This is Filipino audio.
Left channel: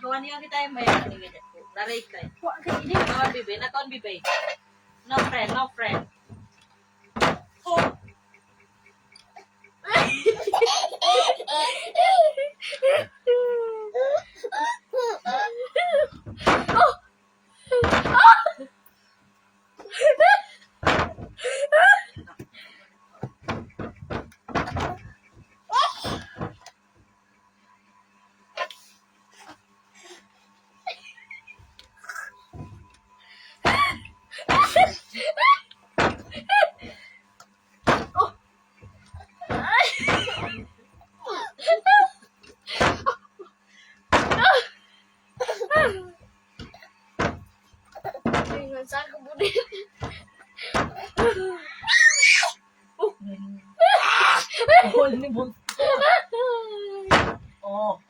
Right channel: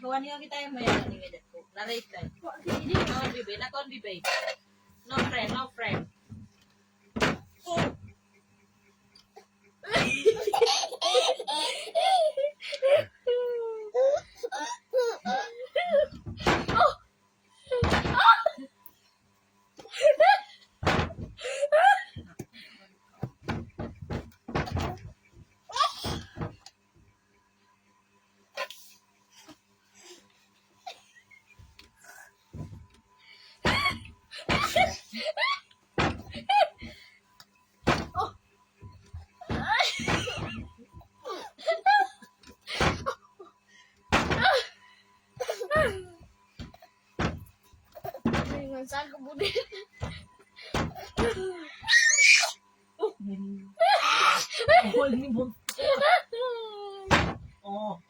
kawan niya kita may ani ngede. Laray kay. Wa ka ini. Kawan bibi, na kawan bibi. No friend, no friend. Oh. Dengan sa kemudian. Oh, ini bun. Oh.